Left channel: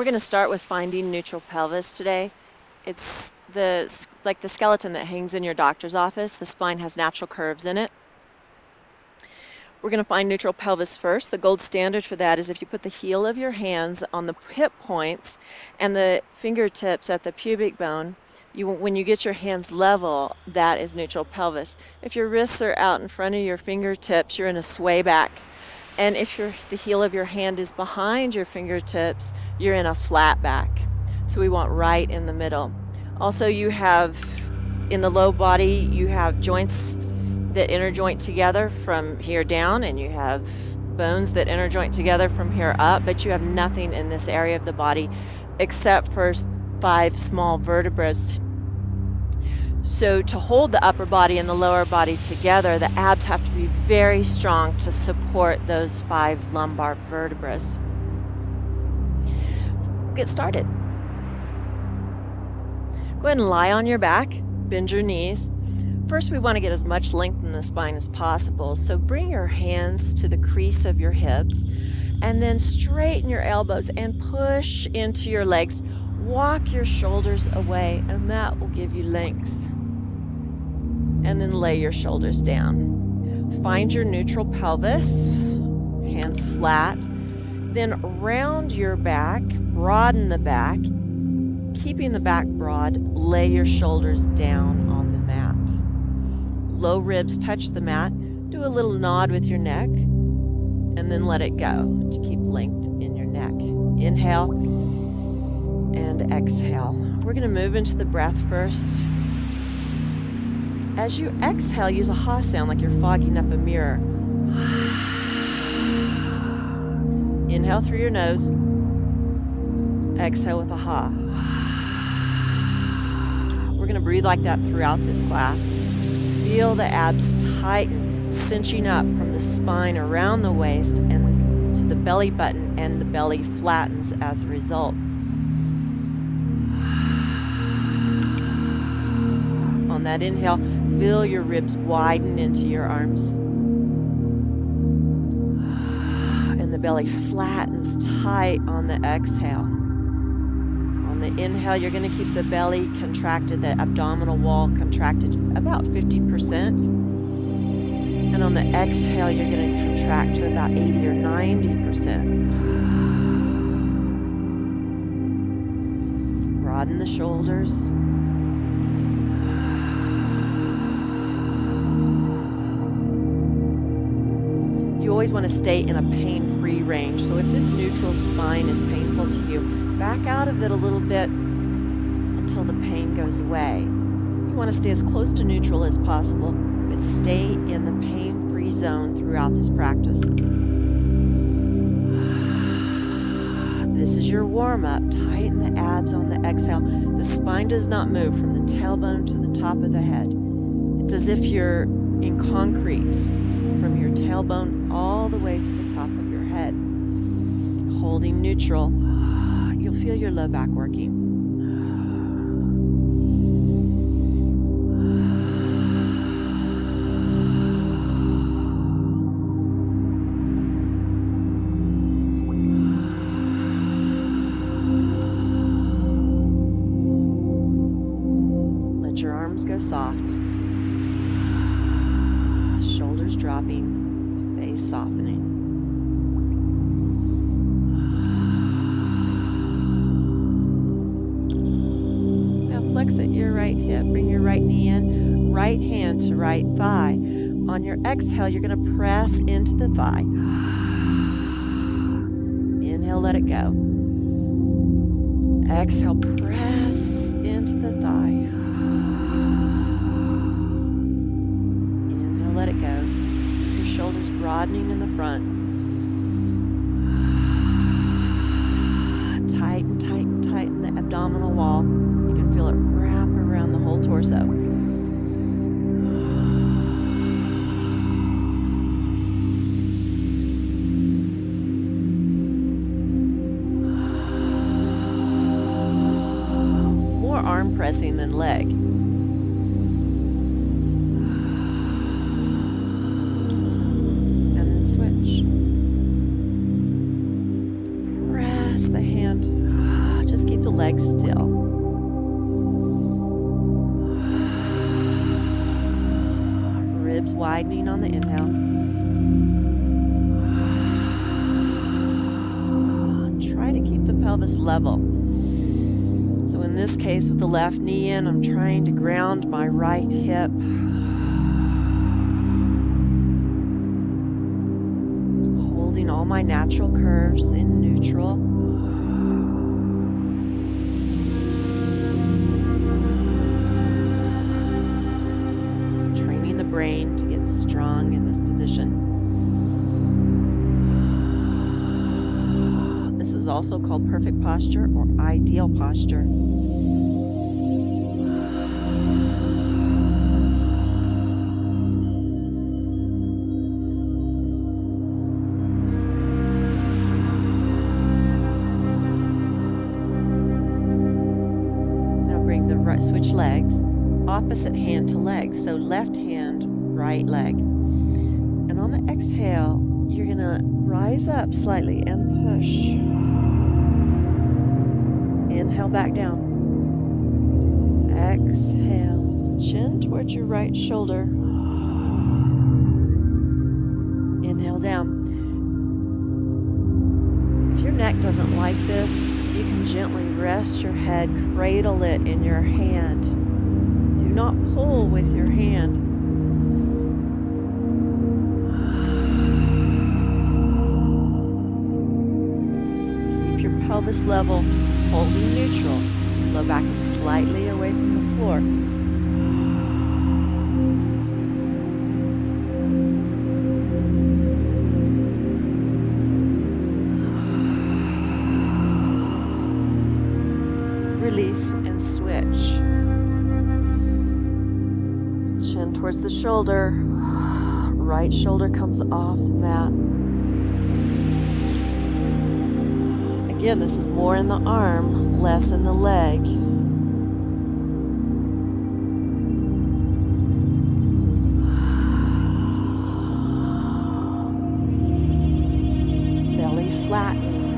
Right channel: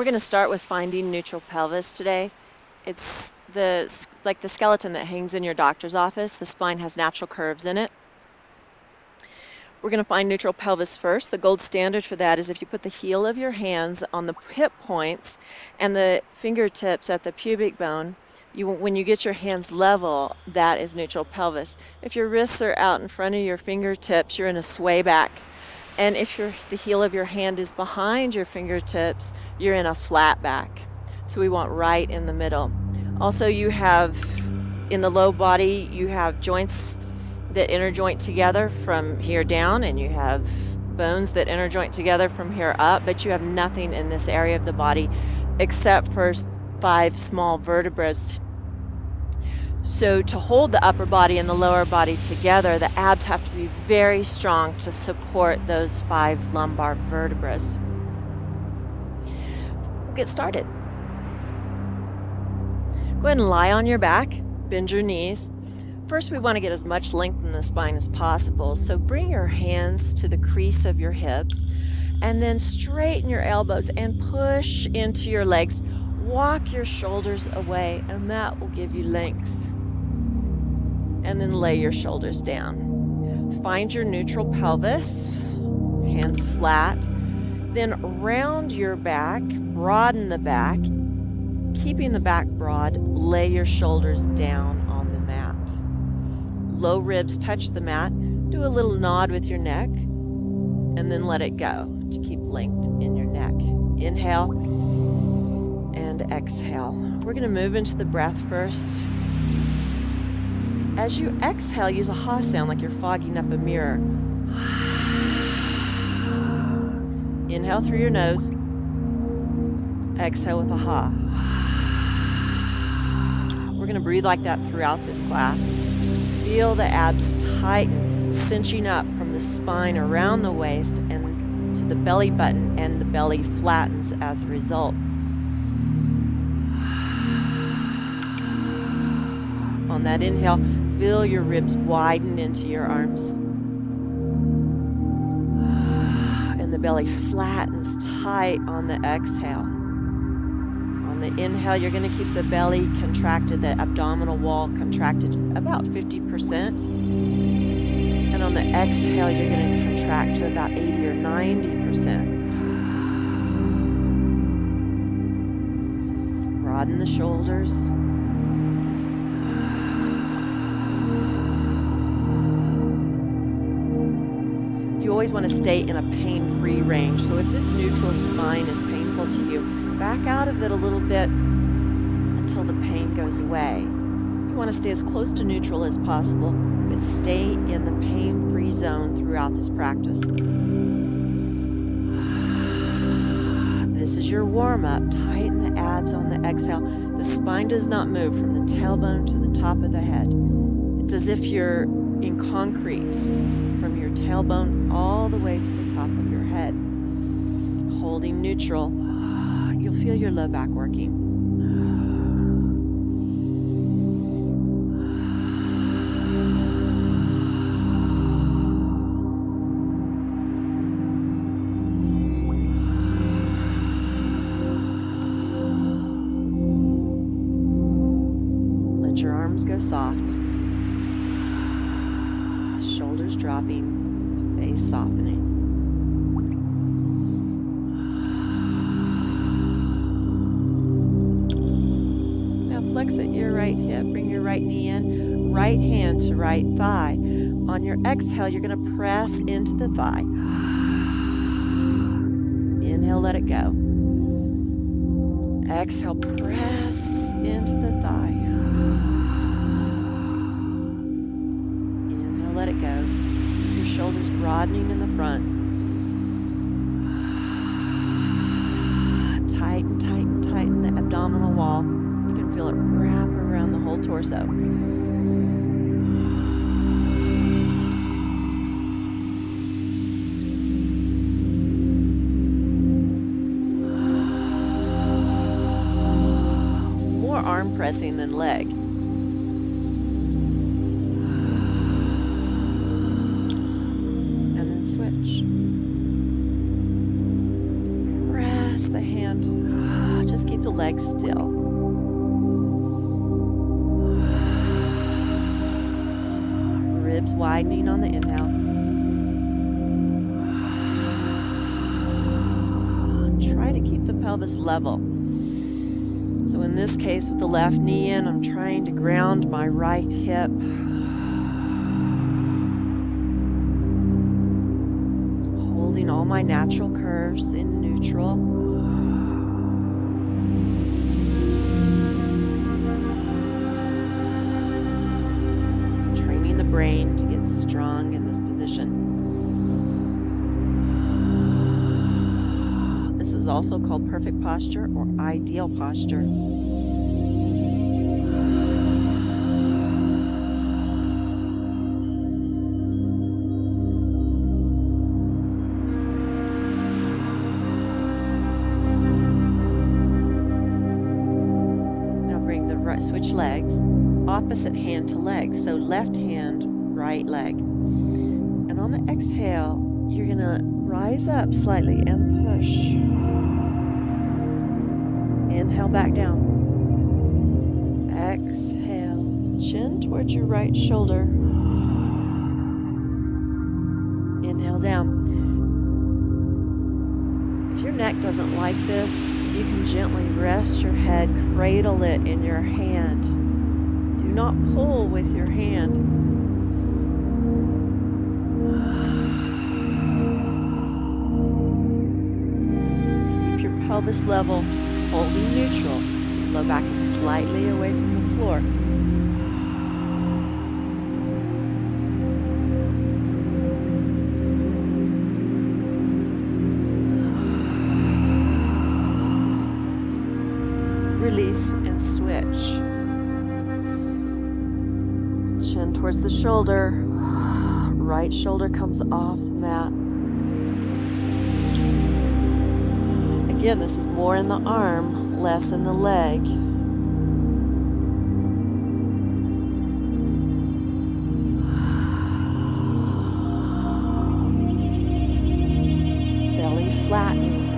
We're going to start with finding neutral pelvis today. It's like the skeleton that hangs in your doctor's office. The spine has natural curves in it. We're going to find neutral pelvis first. The gold standard for that is if you put the heel of your hands on the hip points and the fingertips at the pubic bone, when you get your hands level, that is neutral pelvis. If your wrists are out in front of your fingertips, you're in a sway back. And if the heel of your hand is behind your fingertips, you're in a flat back. So we want right in the middle. Also, you have, in the low body, you have joints that interjoint together from here down, and you have bones that interjoint together from here up, but you have nothing in this area of the body except for 5 small vertebrae. So to hold the upper body and the lower body together, the abs have to be very strong to support those 5 lumbar vertebrae. So get started. Go ahead and lie on your back, bend your knees. First, we want to get as much length in the spine as possible. So bring your hands to the crease of your hips and then straighten your elbows and push into your legs. Walk your shoulders away, and that will give you length. And then lay your shoulders down. Find your neutral pelvis, hands flat. Then round your back, broaden the back. Keeping the back broad, lay your shoulders down on the mat. Low ribs touch the mat. Do a little nod with your neck, and then let it go to keep length in your neck. Inhale and exhale. We're going to move into the breath first. As you exhale, use a ha sound like you're fogging up a mirror. Inhale through your nose. Exhale with a ha. We're going to breathe like that throughout this class. Feel the abs tighten, cinching up from the spine around the waist and to the belly button, and the belly flattens as a result. On that inhale, feel your ribs widen into your arms. And the belly flattens tight on the exhale. On the inhale, you're going to keep the belly contracted, the abdominal wall contracted about 50%. And on the exhale, you're going to contract to about 80 or 90%. Broaden the shoulders. You always want to stay in a pain-free range. So if this neutral spine is painful to you, back out of it a little bit until the pain goes away. You want to stay as close to neutral as possible, but stay in the pain-free zone throughout this practice. This is your warm-up. Tighten the abs on the exhale. The spine does not move from the tailbone to the top of the head. It's as if you're in concrete from your tailbone all the way to the top of your head. Holding neutral, you'll feel your low back working. Let your arms go soft. Shoulders dropping, face softening. Now flex at your right hip, bring your right knee in, right hand to right thigh. On your exhale, you're going to press into the thigh. Inhale, let it go. Exhale, press into the thigh. Let it go. Your shoulders broadening in the front. Tighten, tighten, tighten the abdominal wall. You can feel it wrap around the whole torso. More arm pressing than leg. Switch. Press the hand Just keep the legs still. Ribs widening on the inhale. Try to keep the pelvis level. So in this case, with the left knee in, I'm trying to ground my right hip. Holding all my natural curves in neutral. Training the brain to get strong in this position. This is also called perfect posture or ideal posture. Now bring the right, switch legs, opposite hand to leg. So left hand, right leg. And on the exhale, you're gonna rise up slightly and push. Inhale back down. Exhale, chin towards your right shoulder. Inhale down. If your neck doesn't like this, you can gently rest your head, cradle it in your hand. Do not pull with your hand. Keep your pelvis level. Holding neutral, low back is slightly away from the floor. Release and switch. Chin towards the shoulder, right shoulder comes off the mat. Again, this is more in the arm, less in the leg. Belly flattening.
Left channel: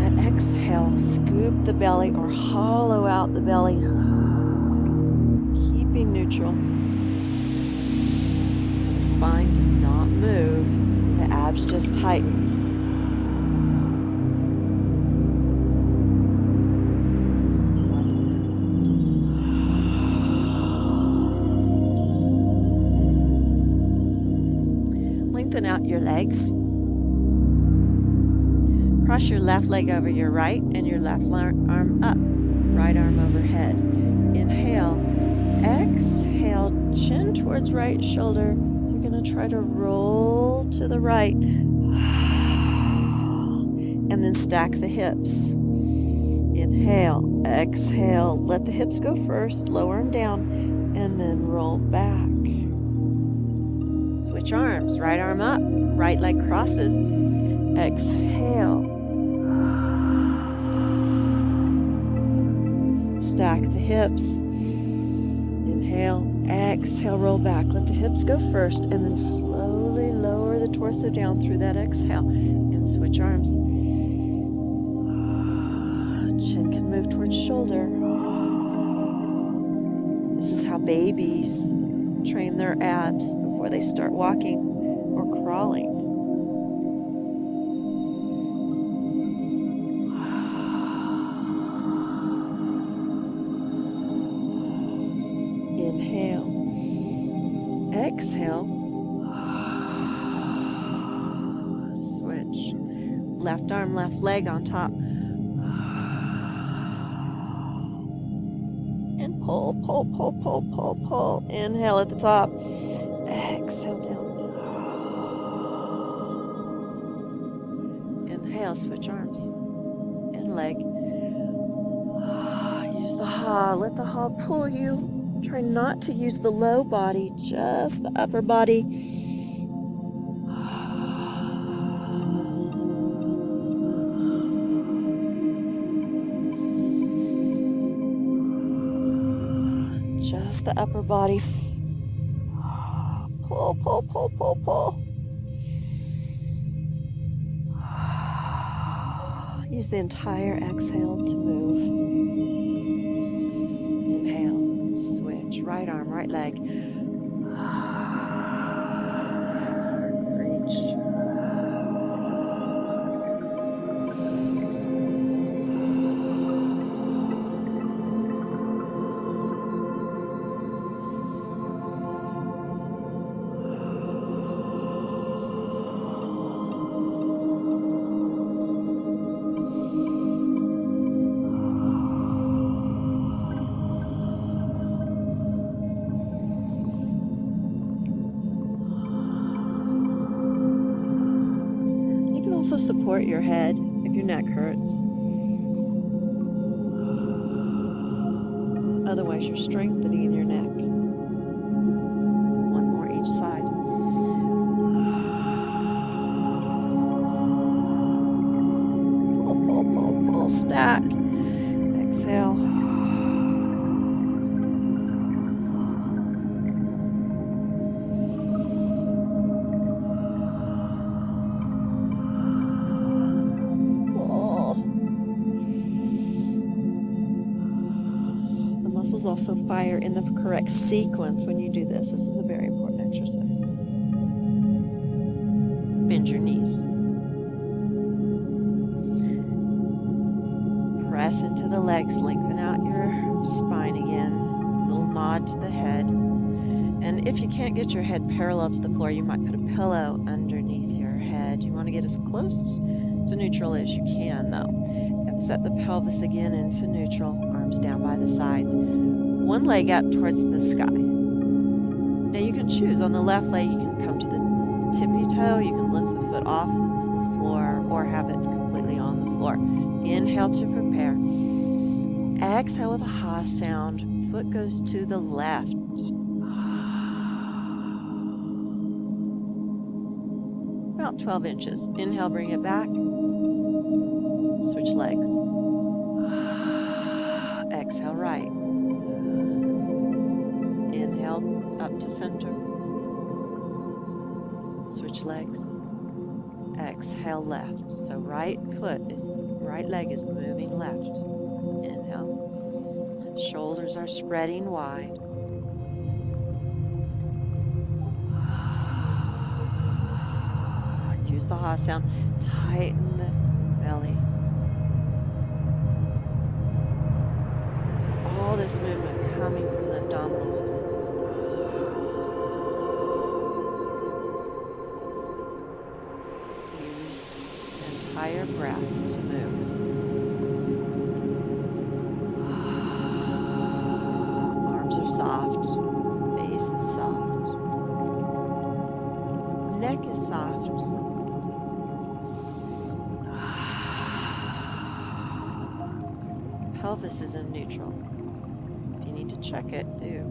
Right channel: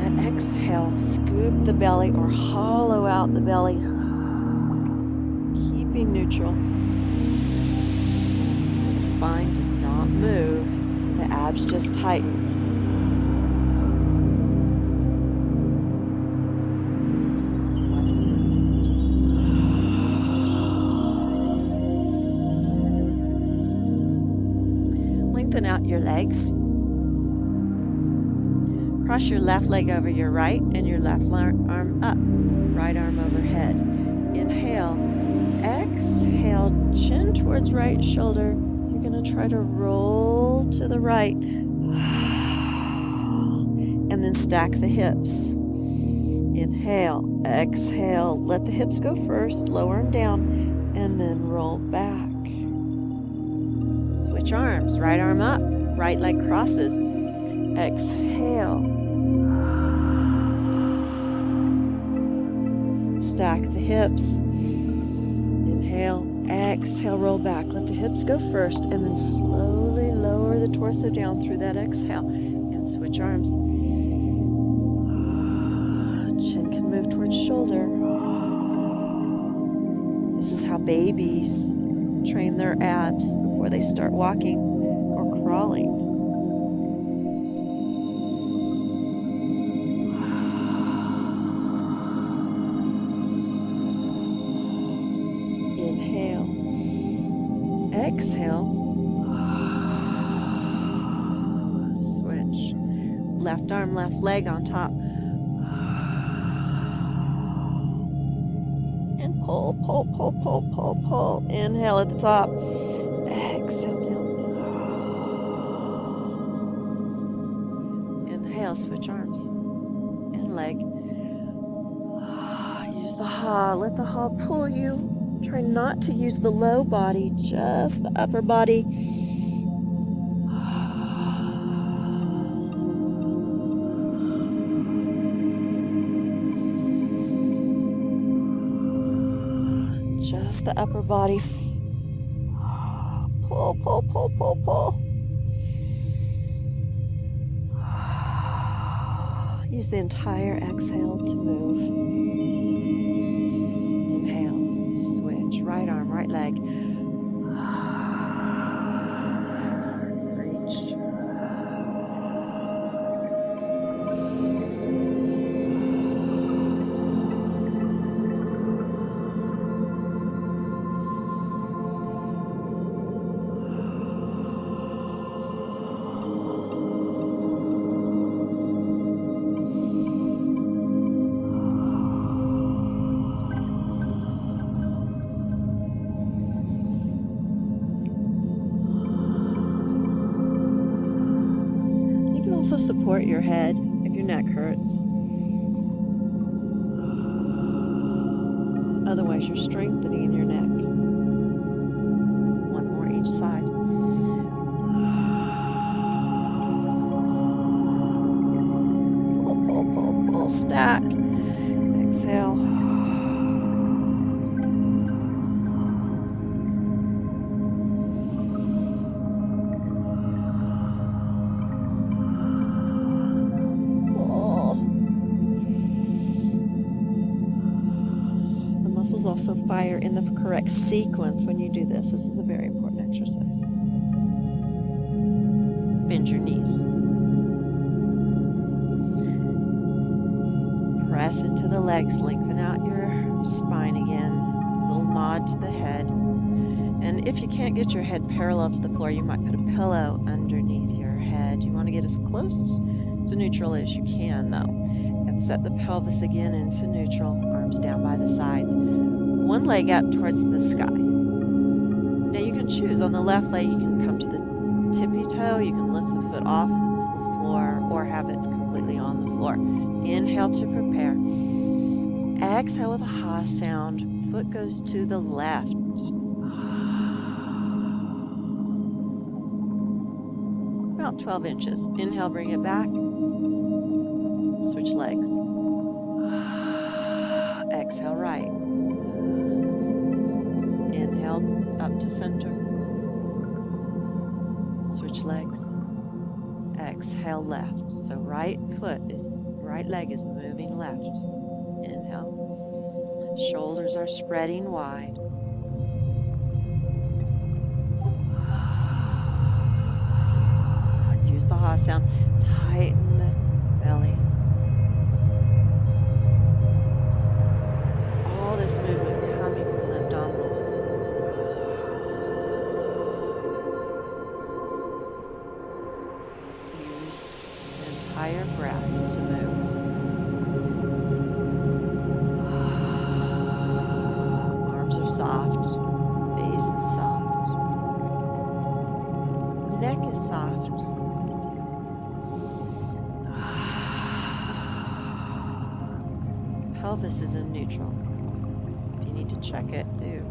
And that exhale, scoop the belly or hollow out the belly. Keeping neutral. So the spine does not move. The abs just tighten. Lengthen out your legs. Cross your left leg over your right and your left arm up. Right arm overhead. Inhale. Exhale. Chin towards right shoulder. You're going to try to roll to the right. And then stack the hips. Inhale. Exhale. Let the hips go first. Lower them down. And then roll back. Switch arms, right arm up, right leg crosses. Exhale. Stack the hips. Inhale, exhale, roll back. Let the hips go first and then slowly lower the torso down through that exhale and switch arms. Chin can move towards shoulder. This is how babies train their abs before they start walking or crawling. Inhale. Exhale. Switch. Left arm, left leg on top. And pull, pull, pull, pull, pull, pull. Inhale at the top. Exhale down. Inhale, switch arms and leg. Use the ha. Let the ha pull you. Try not to use the low body, just the upper body. Just the upper body. Pull, pull, pull, pull, pull. Use the entire exhale to move. Inhale, switch, right arm, right leg. Reach. Also support your head if your neck hurts. Otherwise, you're strengthening your neck. One more each side. Pull, pull, pull, pull, stack. Exhale. Muscles also fire in the correct sequence when you do this. This is a very important exercise. Bend your knees. Press into the legs. Lengthen out your spine again. A little nod to the head. And if you can't get your head parallel to the floor, you might put a pillow underneath your head. You want to get as close to neutral as you can, though. And set the pelvis again into neutral. Arms down by the sides. One leg up towards the sky. Now you can choose. On the left leg, you can come to the tippy toe. You can lift the foot off the floor or have it completely on the floor. Inhale to prepare. Exhale with a ha sound. Foot goes to the left. About 12 inches. Inhale, bring it back. Switch legs. Exhale, right. Inhale, up to center. Switch legs. Exhale, left. So right leg is moving left. Inhale. Shoulders are spreading wide. Use the ha sound. Tighten the belly. All this movement coming from the abdominals. Use the entire breath to move. Arms are soft. Face is soft. Neck is soft. Pelvis is in neutral. If you need to check it, do.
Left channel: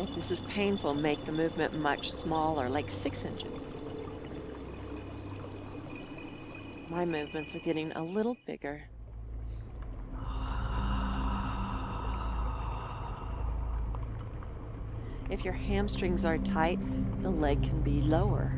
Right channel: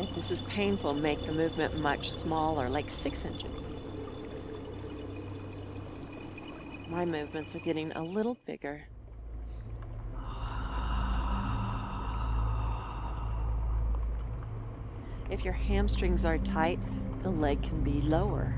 If this is painful, make the movement much smaller, like 6 inches. My movements are getting a little bigger. If your hamstrings are tight, the leg can be lower.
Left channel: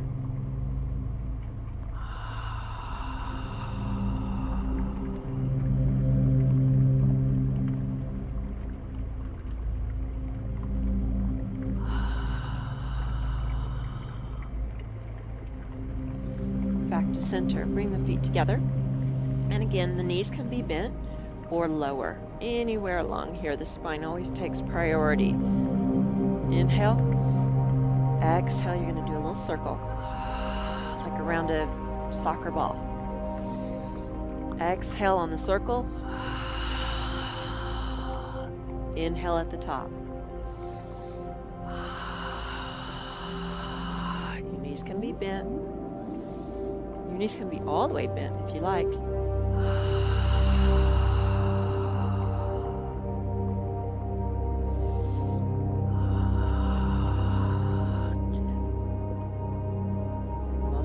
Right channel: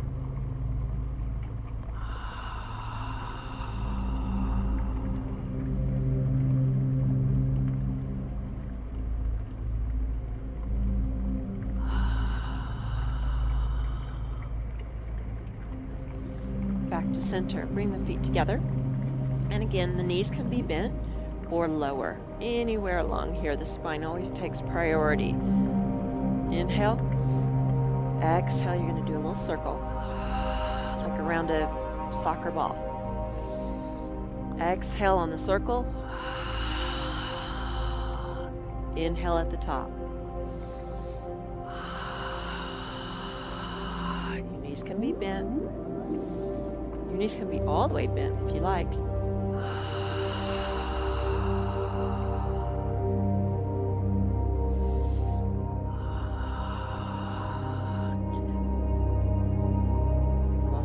Back to center. Bring the feet together. And again, the knees can be bent or lower. Anywhere along here, the spine always takes priority. Inhale. Exhale, you're going to do a little circle. Like around a soccer ball. Exhale on the circle. Inhale at the top. Your knees can be bent. Your knees can be all the way bent if you like.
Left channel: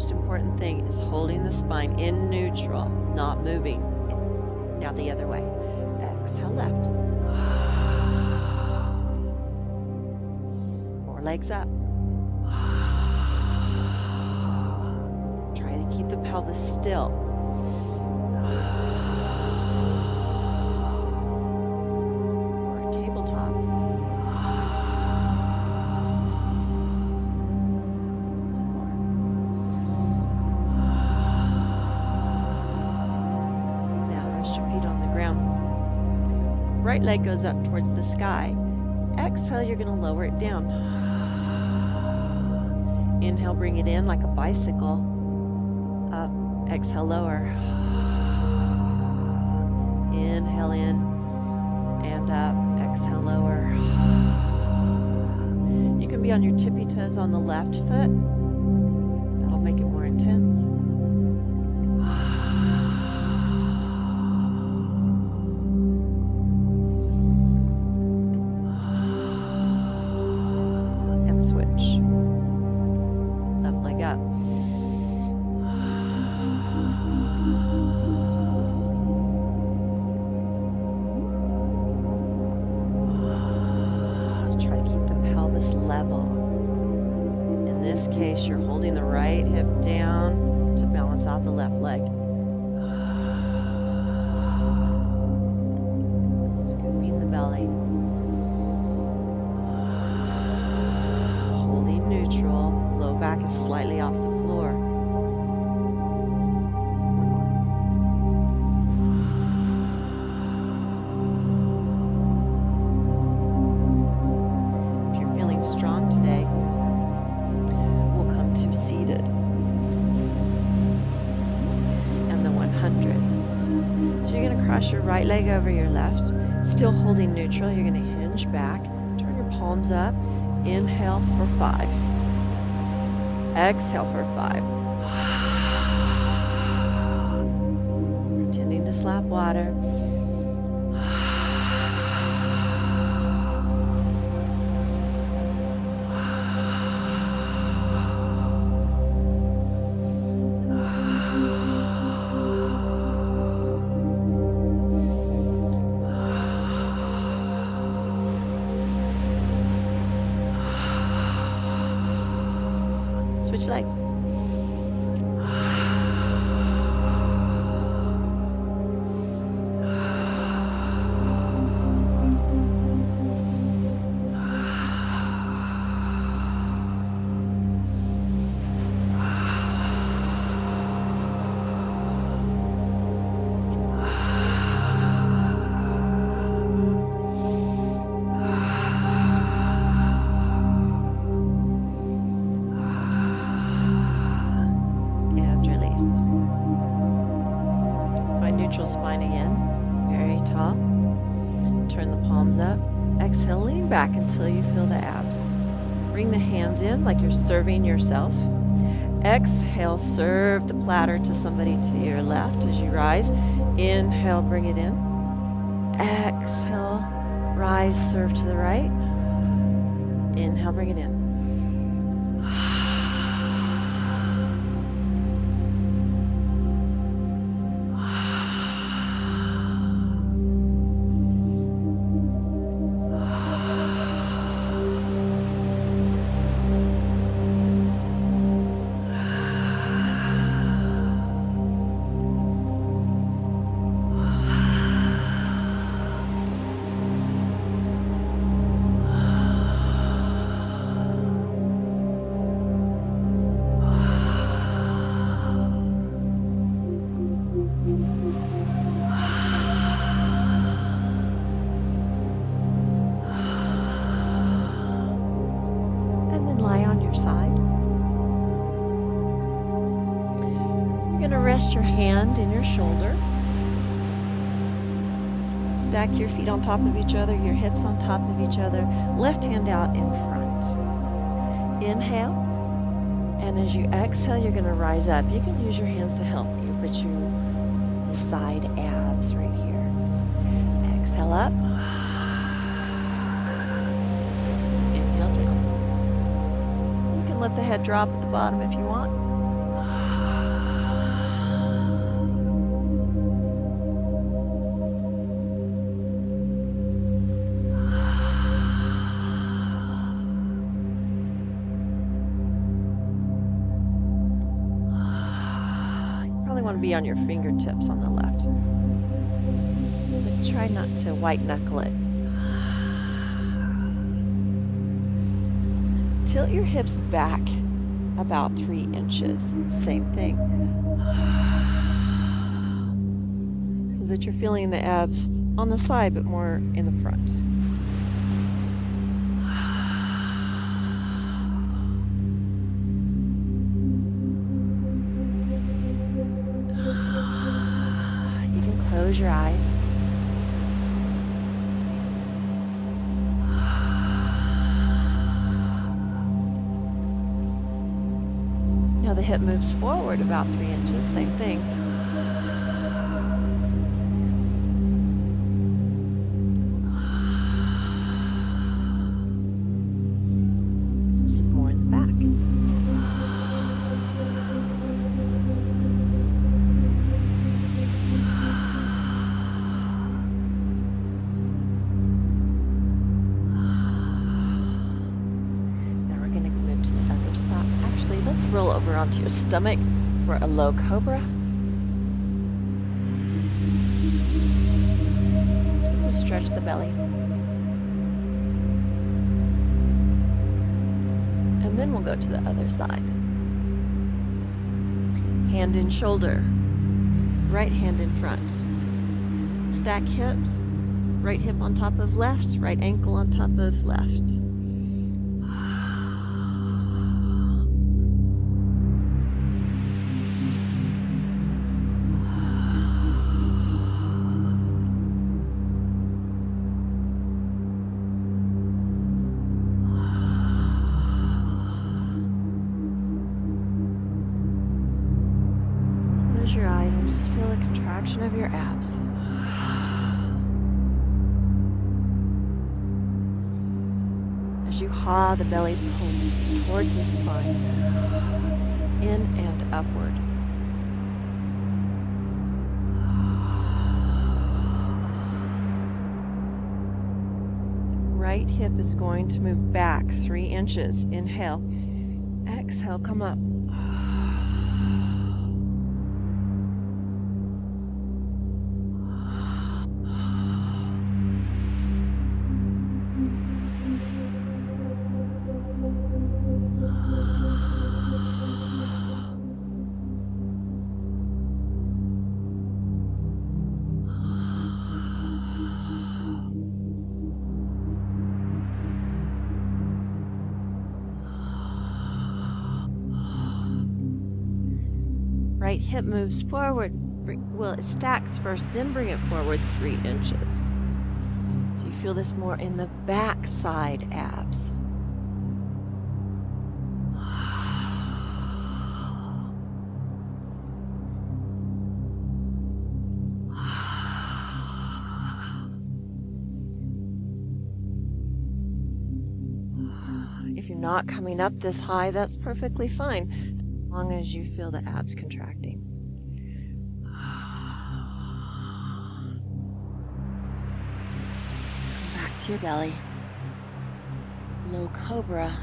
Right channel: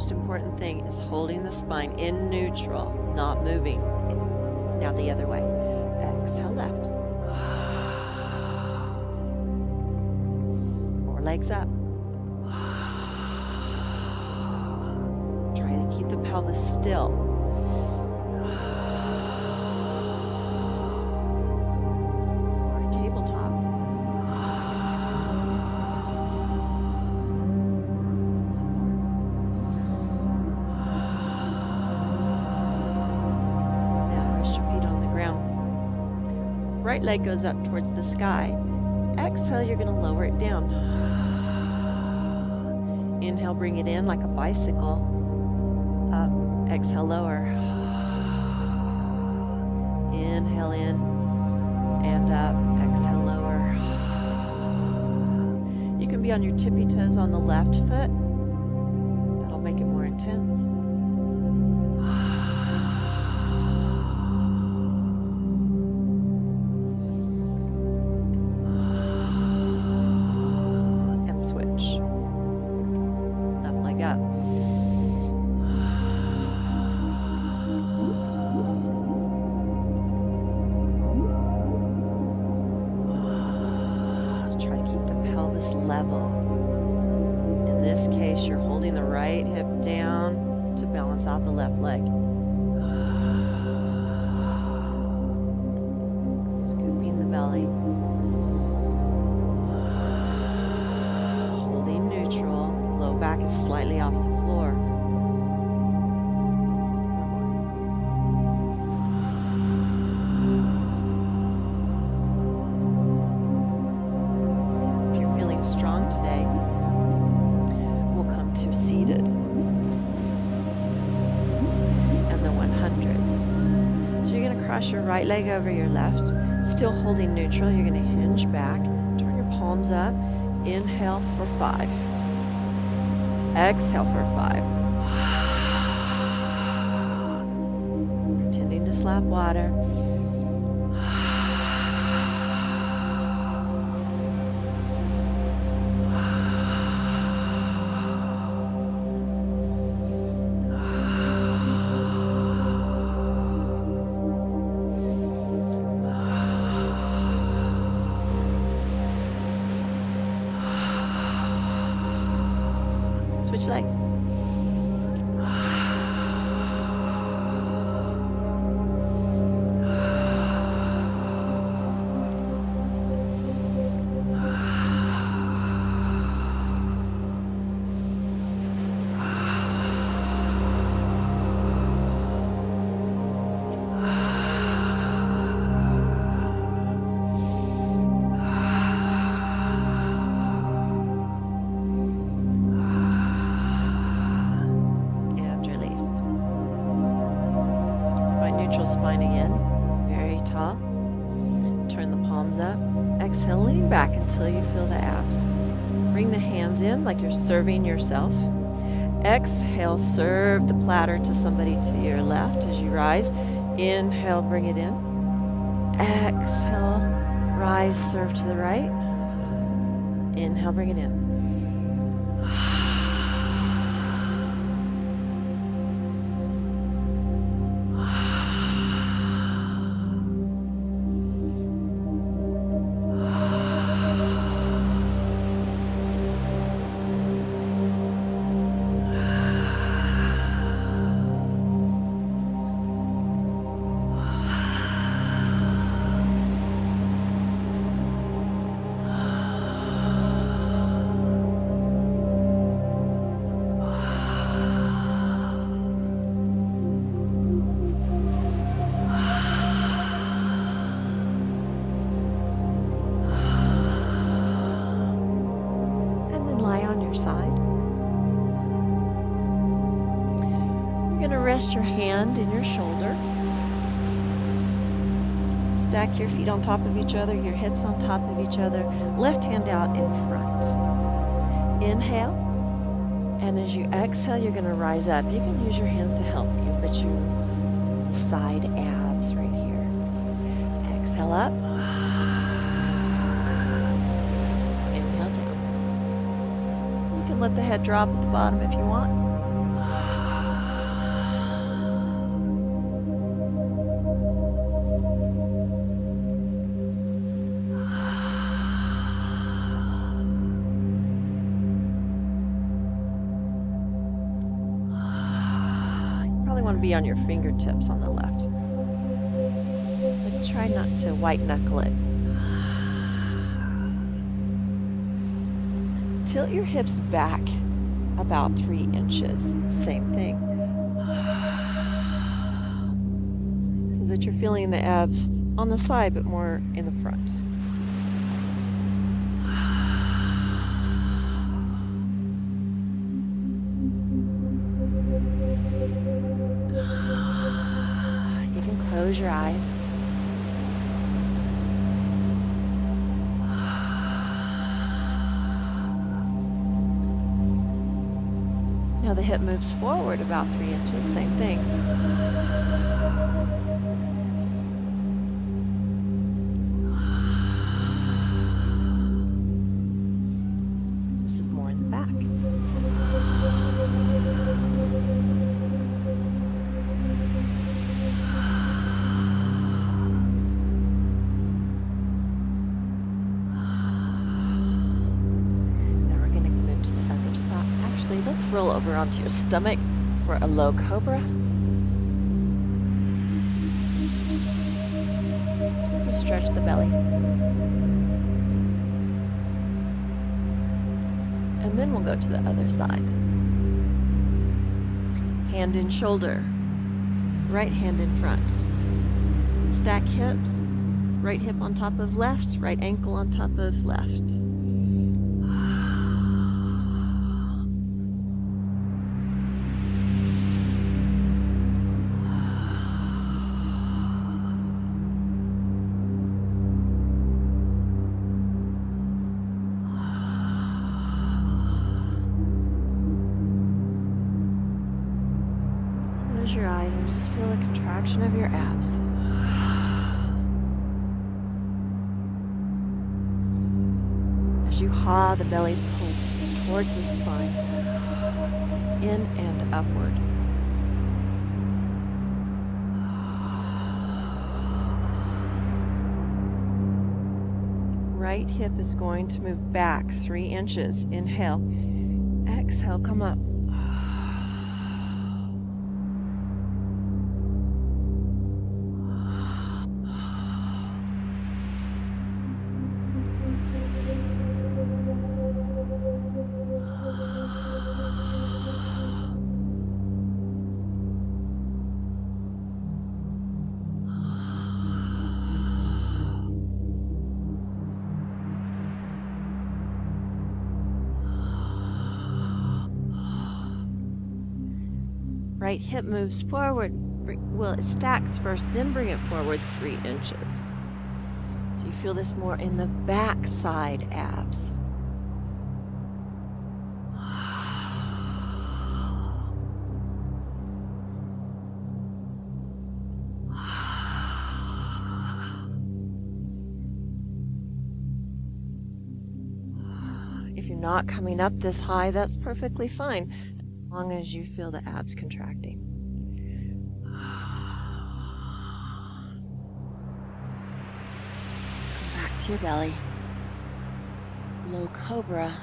most important thing is holding the spine in neutral, not moving. Now the other way. Exhale left. More legs up. Try to keep the pelvis still. Or a tabletop. Right leg goes up towards the sky. Exhale, you're going to lower it down. Inhale, bring it in like a bicycle. Up. Exhale, lower. Inhale in and up. Exhale, lower. You can be on your tippy toes on the left foot. That'll make it more intense. Try to keep the pelvis level. In this case, you're holding the right hip down to balance out the left leg. Scooping the belly. Holding neutral. Low back is slightly off the floor. If you're feeling strong today, we'll come to seated and the 100s. So you're going to cross your right leg over your left, still holding neutral. You're going to hinge back, turn your palms up, inhale for 5. Exhale for 5. Pretending to slap water. Switch legs. Neutral spine again, very tall. Turn the palms up. Exhale, lean back until you feel the abs. Bring the hands in like you're serving yourself. Exhale, serve the platter to somebody to your left as you rise. Inhale, bring it in. Exhale, rise, serve to the right. Inhale, bring it in. Lie on your side. You're going to rest your hand in your shoulder. Stack your feet on top of each other, your hips on top of each other. Left hand out in front. Inhale. And as you exhale, you're going to rise up. You can use your hands to help you, but the side abs right here. Exhale up. Inhale down. Let the head drop at the bottom if you want. be on your fingertips on the left. But try not to white knuckle it. Tilt your hips back about 3 inches. Same thing. So that you're feeling the abs on the side, but more in the front. You can close your eyes. Now the hip moves forward about 3 inches, same thing. This is more in the back. Actually, let's roll over onto your stomach for a low cobra. Just to stretch the belly. And then we'll go to the other side. Hand in shoulder, right hand in front. Stack hips, right hip on top of left, right ankle on top of left. Close your eyes and just feel the contraction of your abs. As you haw, the belly pulls towards the spine, in and upward. Right hip is going to move back 3 inches. Inhale. Exhale, come up. Right hip moves forward. Well, it stacks first, then bring it forward 3 inches. So you feel this more in the back side abs. If you're not coming up this high, that's perfectly fine, as long as you feel the abs contracting. Come back to your belly. Low cobra,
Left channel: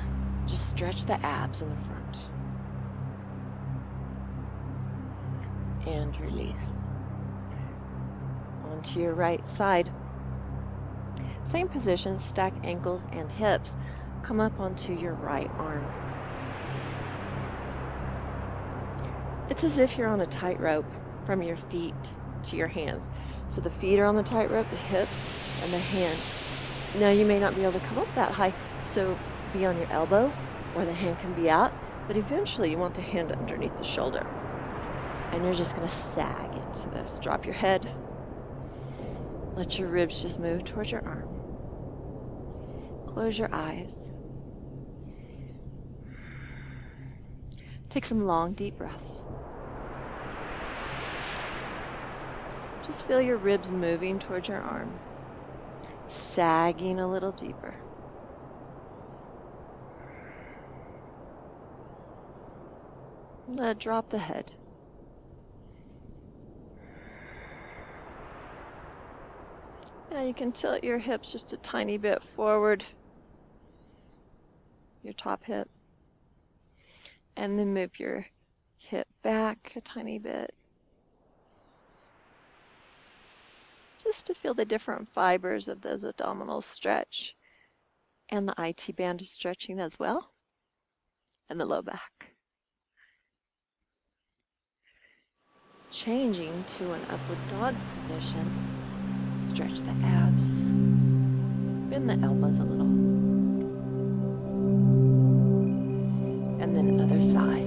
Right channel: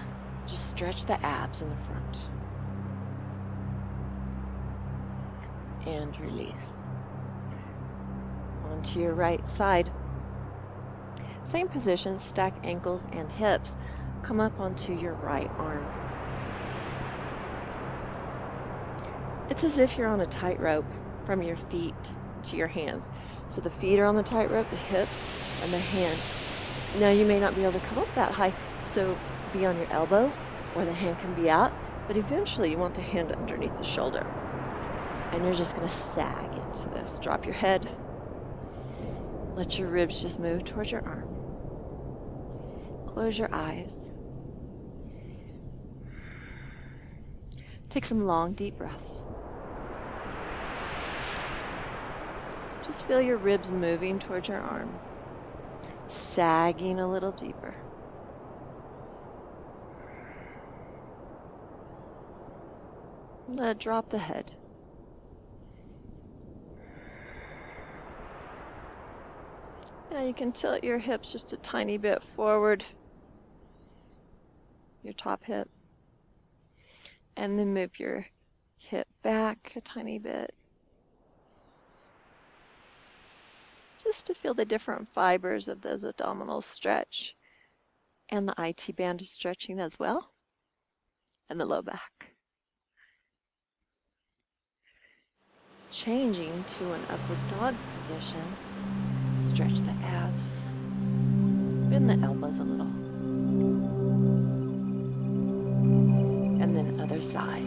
just stretch the abs in the front. And release. Onto your right side. Same position, stack ankles and hips. Come up onto your right arm. It's as if you're on a tightrope from your feet to your hands. So the feet are on the tightrope, the hips, and the hand. Now you may not be able to come up that high, so be on your elbow, or the hand can be out, but eventually you want the hand underneath the shoulder. And you're just going to sag into this. Drop your head. Let your ribs just move towards your arm. Close your eyes. Take some long, deep breaths. Just feel your ribs moving towards your arm, sagging a little deeper. Drop the head. Now you can tilt your hips just a tiny bit forward, your top hip, and then move your hip back a tiny bit. just to feel the different fibers of those abdominals stretch. And the IT band is stretching as well. And the low back. Changing to an upward dog position. Stretch the abs. Bend the elbows a little. And then other side.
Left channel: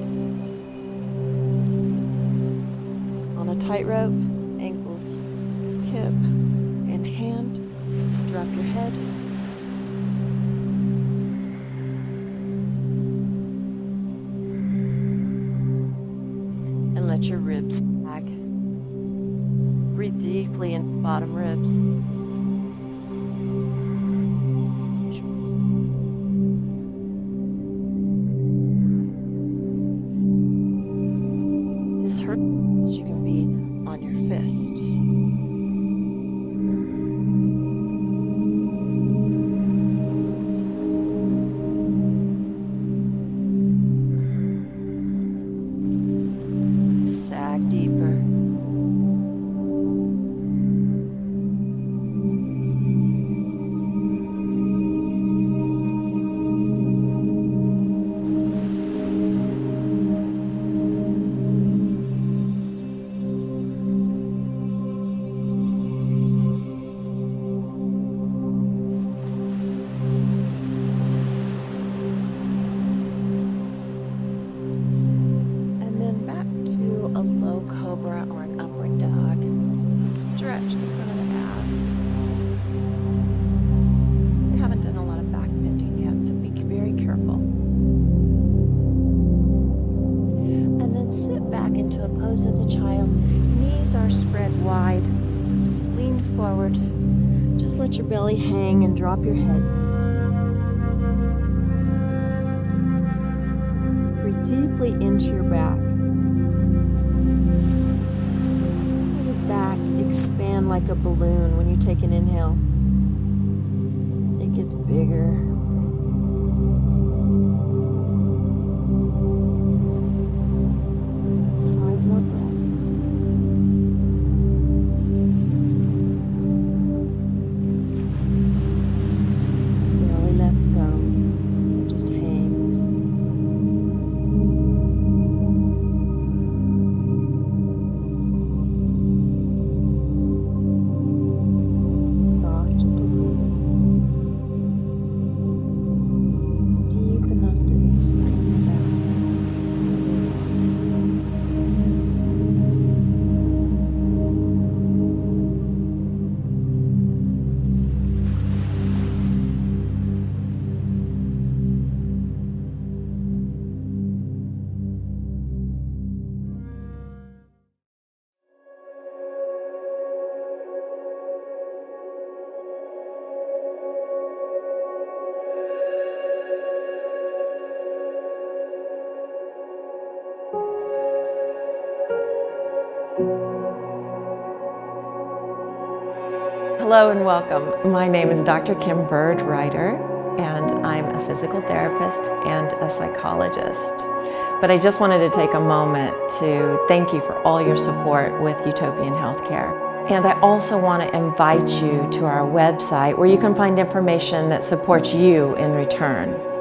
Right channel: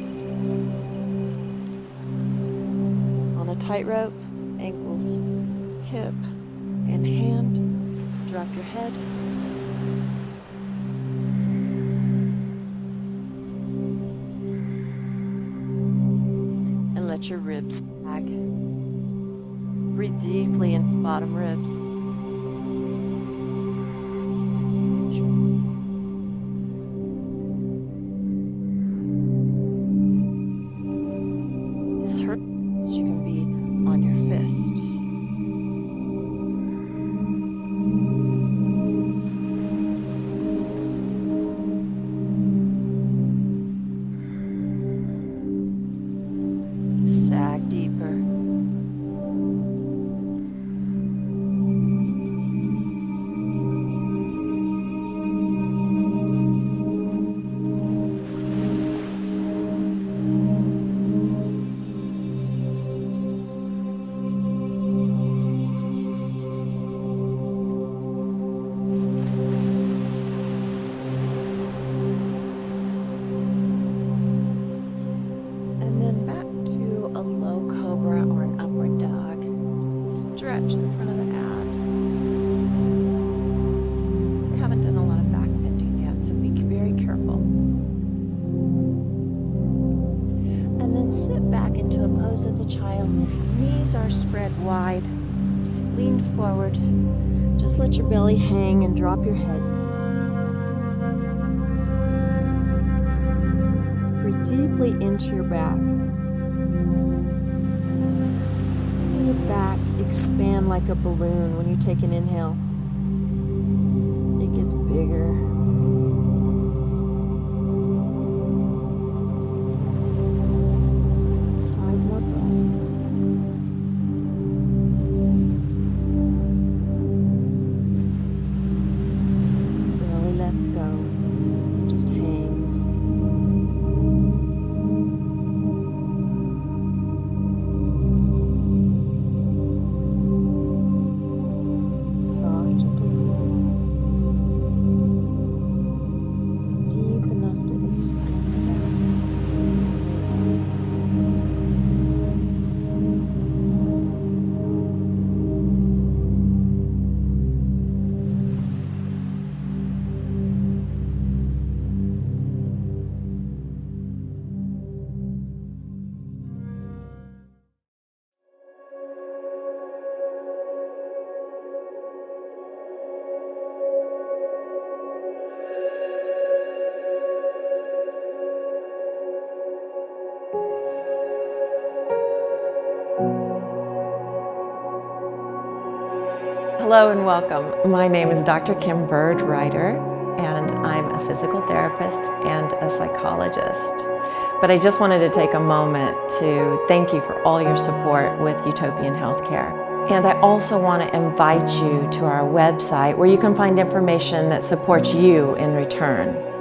On a tightrope, ankles, hip, and hand. Drop your head. And let your ribs sag. Breathe deeply into the bottom ribs. This hurts, you can be on your fist. Sag deeper. And then back to a low cobra or an upward dog, just to stretch the front of the abs. We haven't done a lot of back bending yet, so be very careful. And then sit back into a pose of the child. Knees are spread wide. Lean forward. Just let your belly hang and drop your head. Breathe deeply into your back. Let your back expand like a balloon when you take an inhale. It gets bigger. 5 more breaths. Belly lets go. Just hangs. Soft, gentle breathing. Deep enough to expand the back. Hello and welcome. My name is Dr. Kim Byrd-Rider, and I'm a physical therapist and a psychologist. But I just wanted to take a moment to thank you for all your support with Utopian Healthcare. And I also want to invite you to our website where you can find information that supports you in return.